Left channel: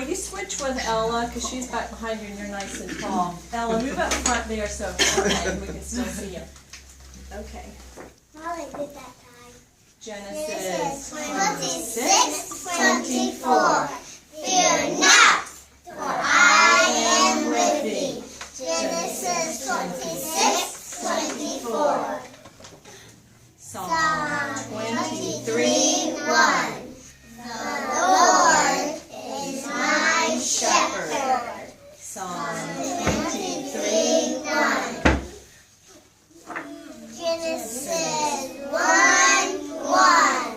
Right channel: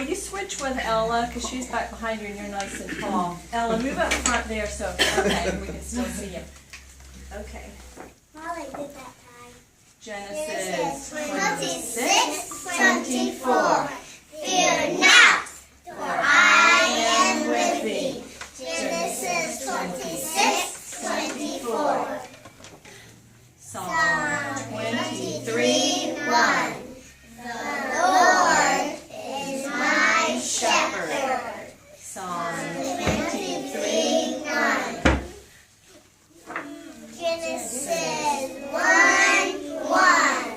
will you switch with Ella, because she's back behind you and you're nice and tall. Ella, move up front there so okay, we can still see you. Okay. Molly did that time. Genesis 26, 24. Fear not, for I am with thee. Genesis 26, 24. Psalm 23, 1. The Lord is my shepherd. Psalm 23, 1. Genesis 1, 1.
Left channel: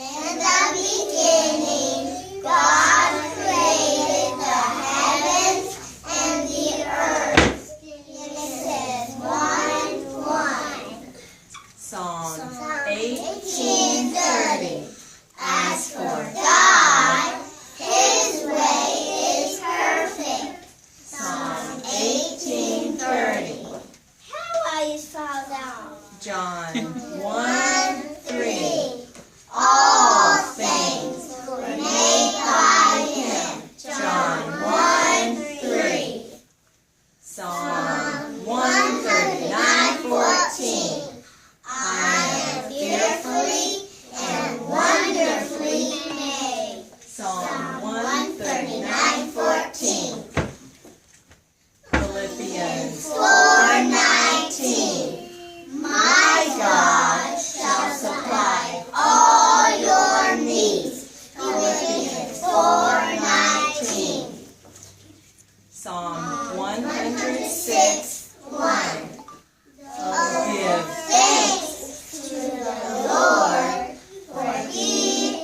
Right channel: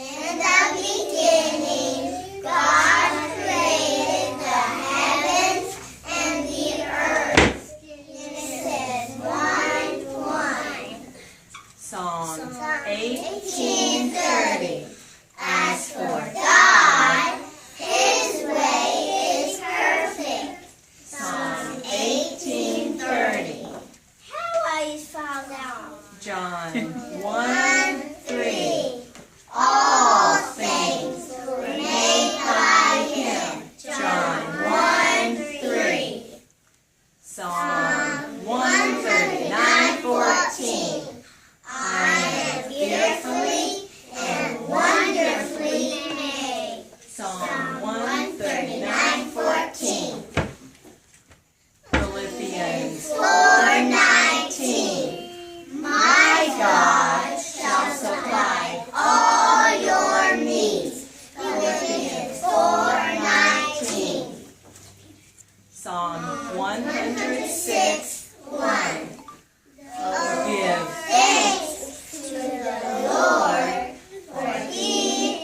In the beginning, God created the heavens and the earth. Genesis 1, 1. Psalm 18:30. As for God, His way is perfect. Psalm 18:30. How I fall down? John 1:3. All things were made by Him. John 1:3. Psalm 139:14. I am fearfully and wonderfully made. Psalm 139:14. Philippians 4:19. My God shall supply all your needs. Philippians 4:19. Psalm 106, 1. Give Thanks to the Lord, for He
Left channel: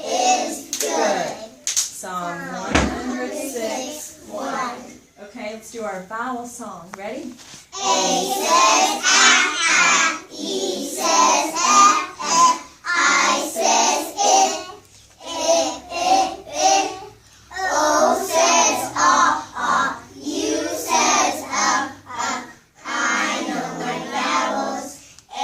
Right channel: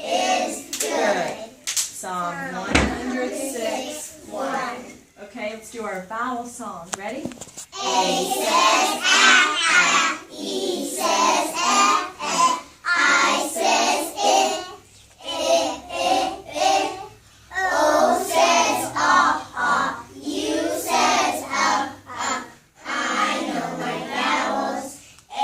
is good. Psalm 106, 1. Okay, let's do our vowel song. Ready? A says ah, E says eh. I says it. O says U says I know my vowels. A,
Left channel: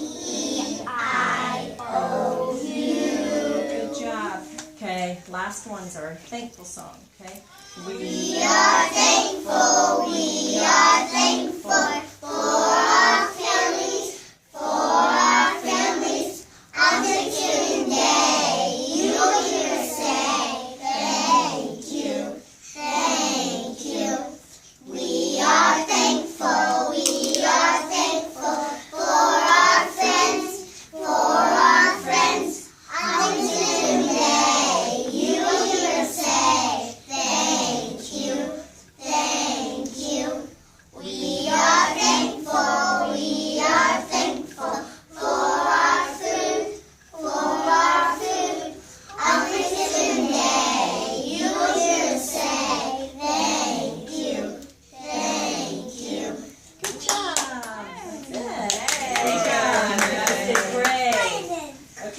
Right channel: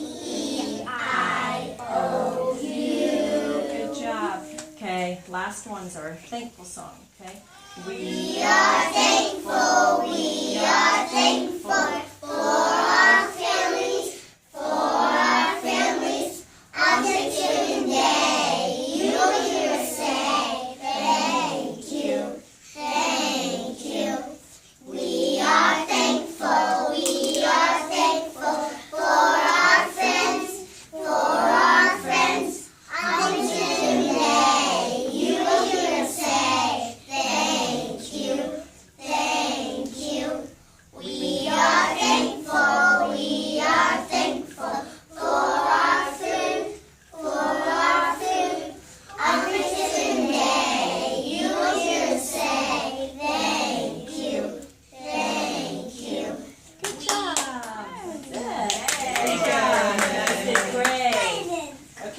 E, I, O, U. Good job. Okay, last one's our thankful song. Okay? We are thankful,